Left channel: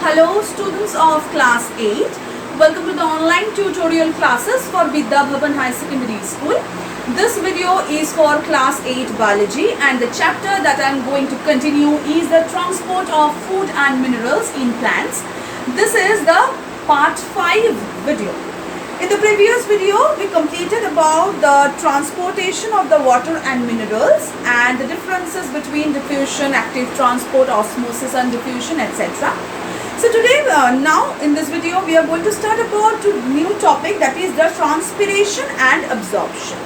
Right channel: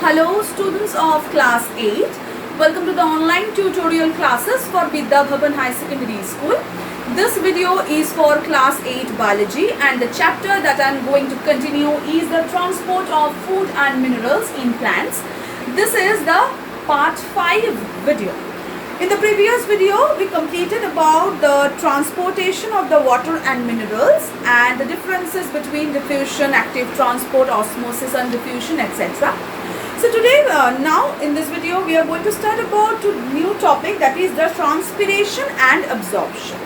Hello students of class 8. Welcome to the online tutorial classes for Vidya Bhavan High Secondary School. This video is for class 8 biology and the chapter that I am going to continue is the transport of food and minerals in plants. This is the part 5 video. In the previous video, we completed about the transportation of the water and minerals and the differences between diffusion, active transport, osmosis and diffusion, etc. So today, now in this video, we are going to start about a new topic, that is the transpiration and absorption.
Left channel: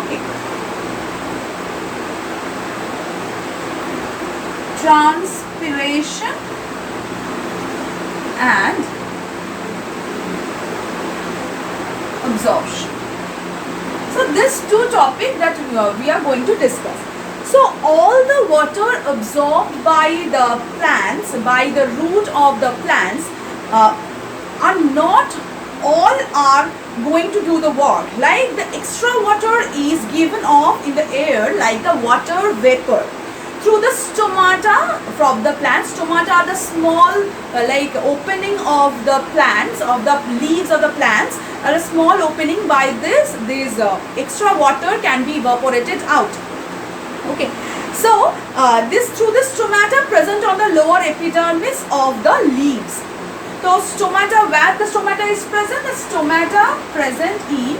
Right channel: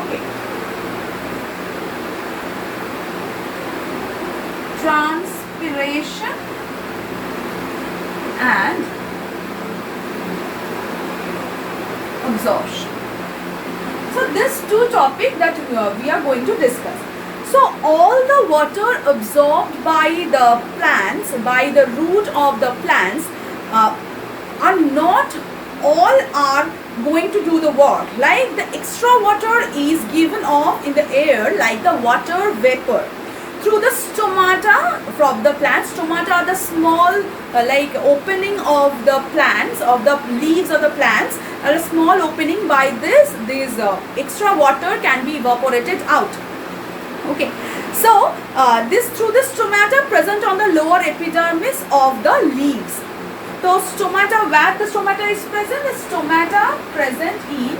Okay. Transpiration and absorption. So this two topic that we are going to discuss. So all the water absorbed by the plants, by the root of the plants, are not all are going to do the work. Like the extra water is given off in the air like the water vapor through the stomata from the plants. Stomata are the small like opening of the plants, of the leaves of the plants, are a small opening. By this extra water can be evaporated out. Okay, so this through the stomata present on the lower epidermis of the leaves. So stomata, where the stomata is present, the stomata present in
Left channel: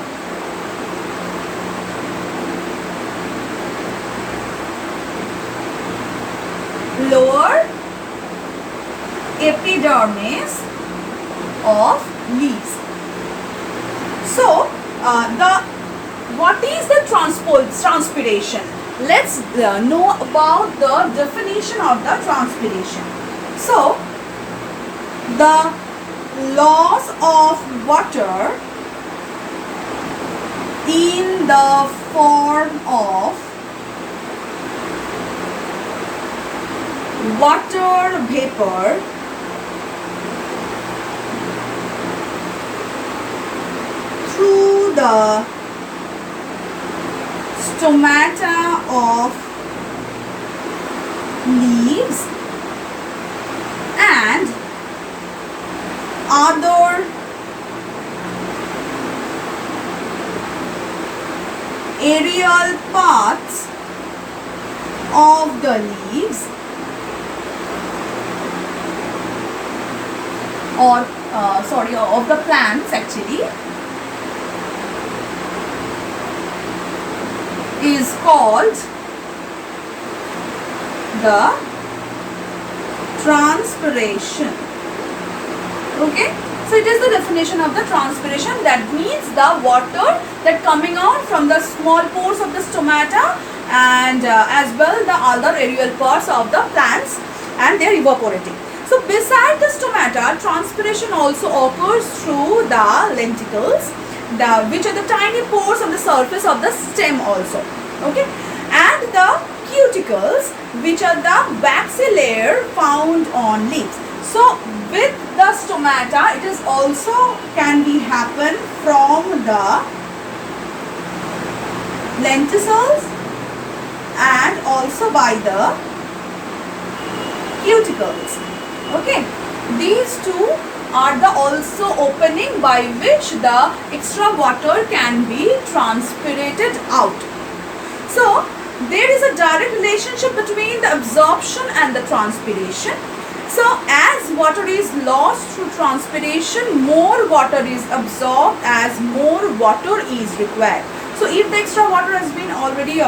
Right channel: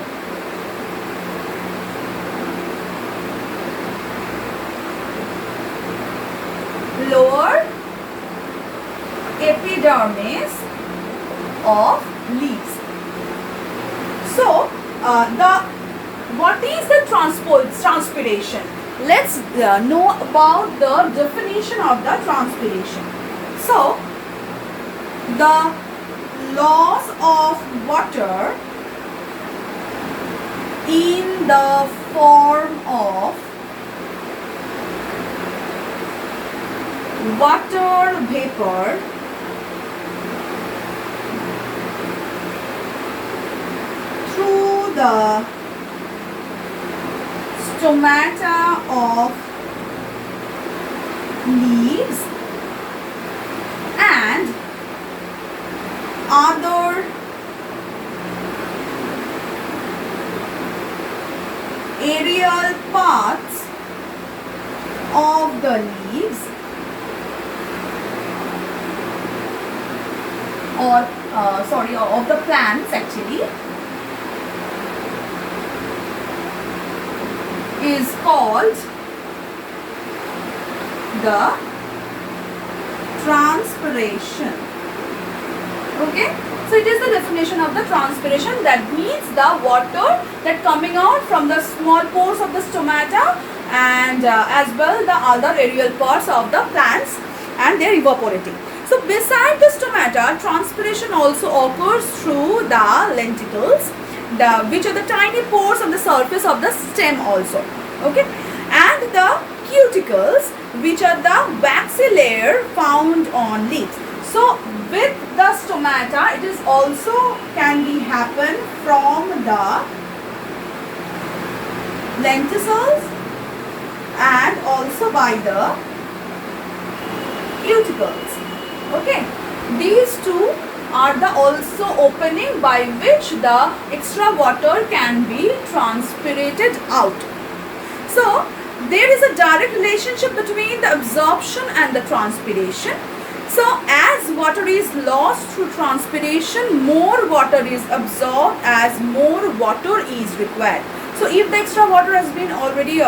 lower epidermis of leaves. So what is the transpiration? Let's know about the definition of the transpiration. So the loss of water in the form of water vapor through the stomata of leaves and other aerial parts of the leaves or of the plants actually is called the transpiration. Okay, so it is the definition of the transpiration. That means the water that coming out from the small pores of the stomata and as well the other aerial parts of the plants, and they are evaporating. So beside the stomata, transpiration also occurs through the lenticles, which are the tiny pores on the surface of the stem also. Okay, and the cuticles, which are the waxy layer found on leaves. So with the stomata, it is also can be happen from the lenticles and also by the cuticles. Okay, these two are the also opening by which the extra water can be transpirated out. So there is a direct relationship between the absorption and the transpiration. So as water is lost through transpiration, more water is absorbed as more water is required. So if the extra water has been already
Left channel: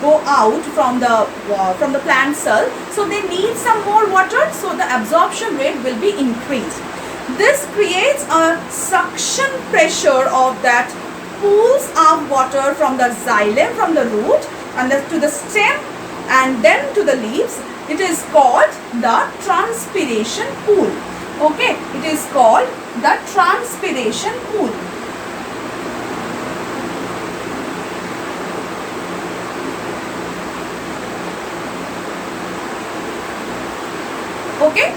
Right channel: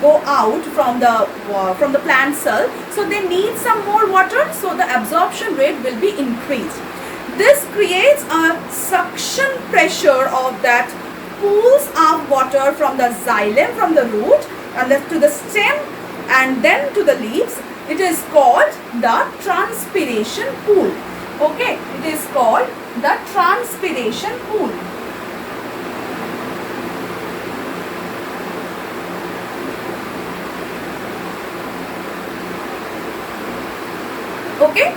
go out from the plant cell, so they need some more water, so the absorption rate will be increased. This creates a suction pressure of that pools of water from the xylem, from the root, and to the stem and then to the leaves. It is called the transpiration pool. Okay, it is called the transpiration pool. Okay,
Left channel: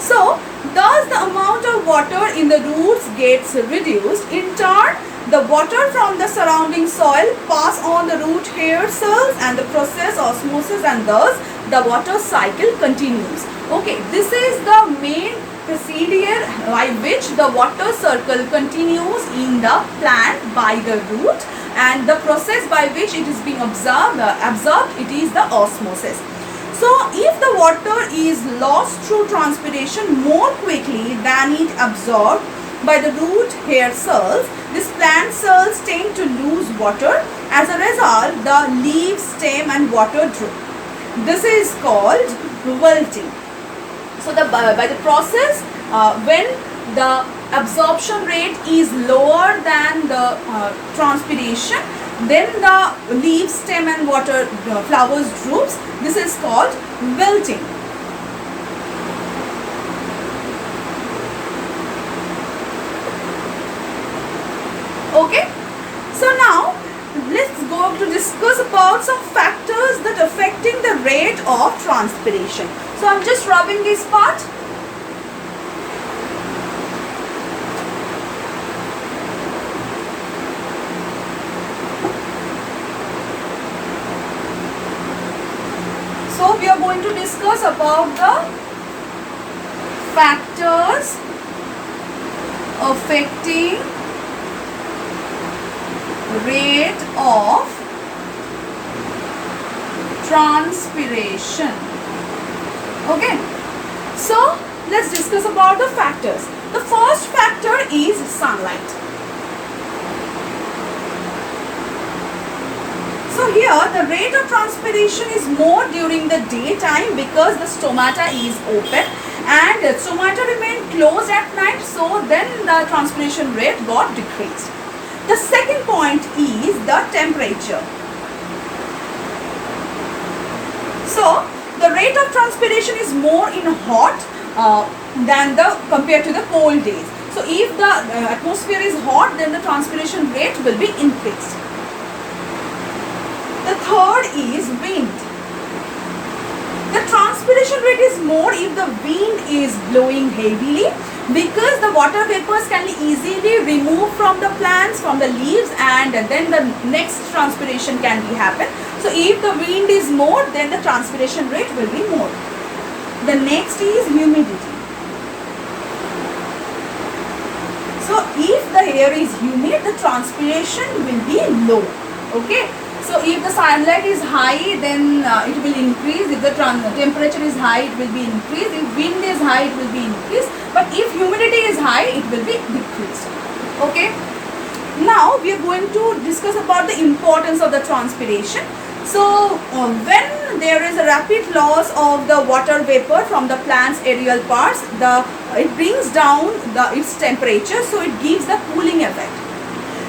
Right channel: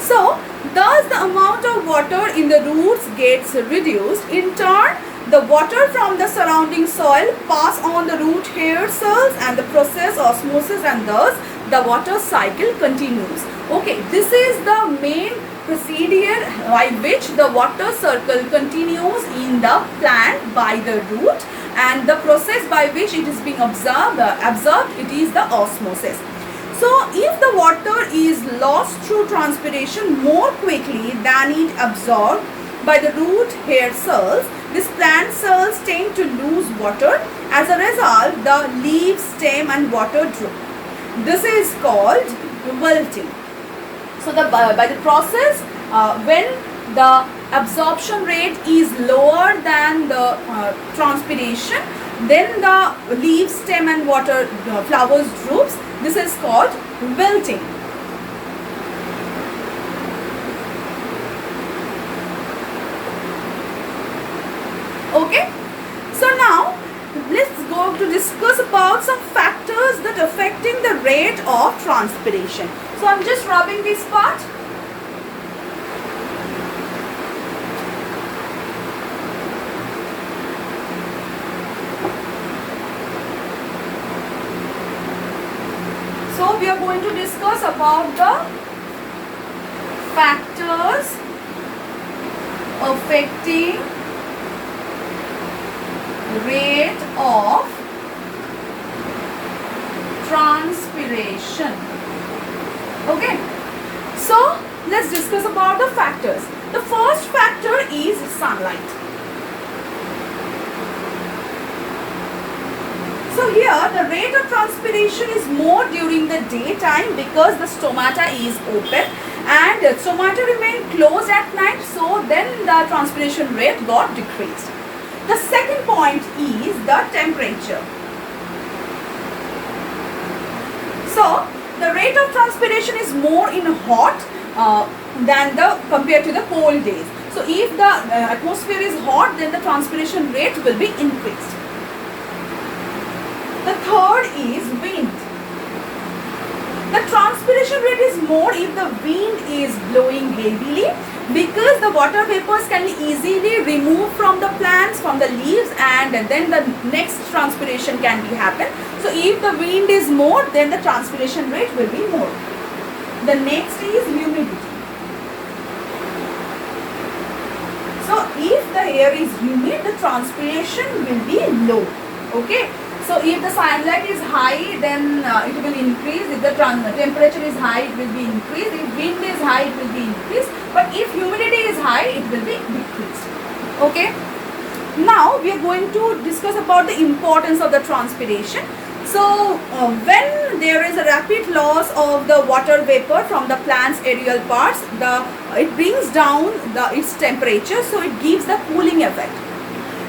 so thus the amount of water in the roots gets reduced. In turn, The water from the surrounding soil pass on the root hair cells and the process osmosis, and thus the water cycle continues. Okay, this is the main procedure by which the water circle continues in the plant by the root, and the process by which it is being absorbed, it is the osmosis. So if the water is lost through transpiration more quickly than it absorbed by the root hair cells, these plant cells tend to lose water. As a result, the leaf, stem and water droop. This is called wilting. So by the process, when the absorption rate is lower than the transpiration, then the leaf, stem and water flowers droops. This is called wilting. Okay, so now let's go to discuss about some factors that affecting the rate of transpiration. So I'm just rubbing this part. So we are going to discuss about the factors affecting rate of transpiration. Okay, so let's discuss about the factors. The first factor is sunlight. So here the rate of transpiration is more during the daytime because the stomata is open and the stomata remain closed at night, so then the transpiration rate got decreased. The second point is the temperature. So the rate of transpiration is more in hot than compared to the cold days. So if the atmosphere is hot, then the transpiration rate will be increased. The third is wind. The transpiration rate is more if the wind is blowing heavily, because the water vapors can be easily removed from the plants, from the leaves, and then the next transpiration can be happen. So if the wind is more, then the transpiration rate will be more. The next is humidity. So if the air is humid, the transpiration will be low. Okay. So if the sunlight is high, then it will increase. If the temperature is high, it will be increased. If wind is high, it will be increased. But if humidity is high, it will be decreased. Okay. Now we are going to discuss about the importance of the transpiration. So when there is a rapid loss of the water vapor from the plant's aerial parts, it brings down its temperature, so it gives the cooling effect.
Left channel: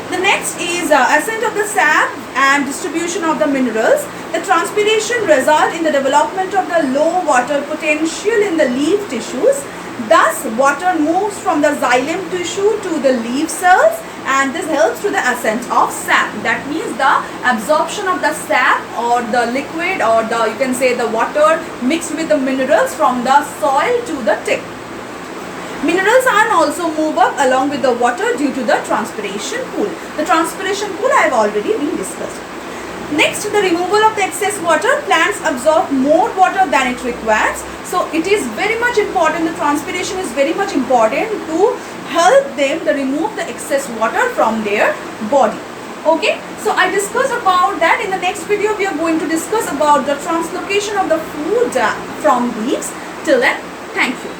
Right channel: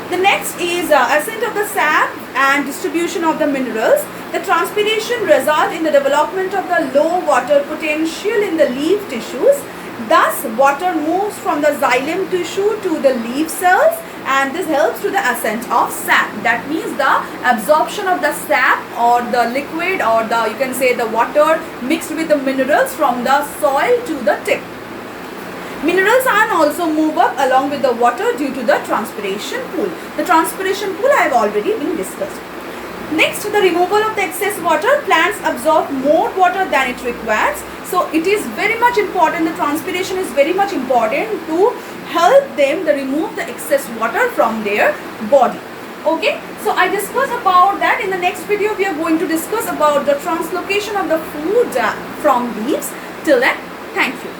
The next is ascent of the sap and distribution of the minerals. The transpiration results in the development of the low water potential in the leaf tissues. Thus, water moves from the xylem tissue to the leaf cells, and this helps to the ascent of sap. That means the absorption of the sap or the liquid, or you can say the water mixed with the minerals from the soil to the tip. Minerals ion also move up along with the water due to the transpiration pool. The transpiration pool I have already been discussed. Next, the removal of the excess water. Plants absorb more water than it requires. So it is very much important, the transpiration is very much important to help them to remove the excess water from their body. Okay, so I discussed about that. In the next video we are going to discuss about the translocation of the food from leaves. Till then, thank you.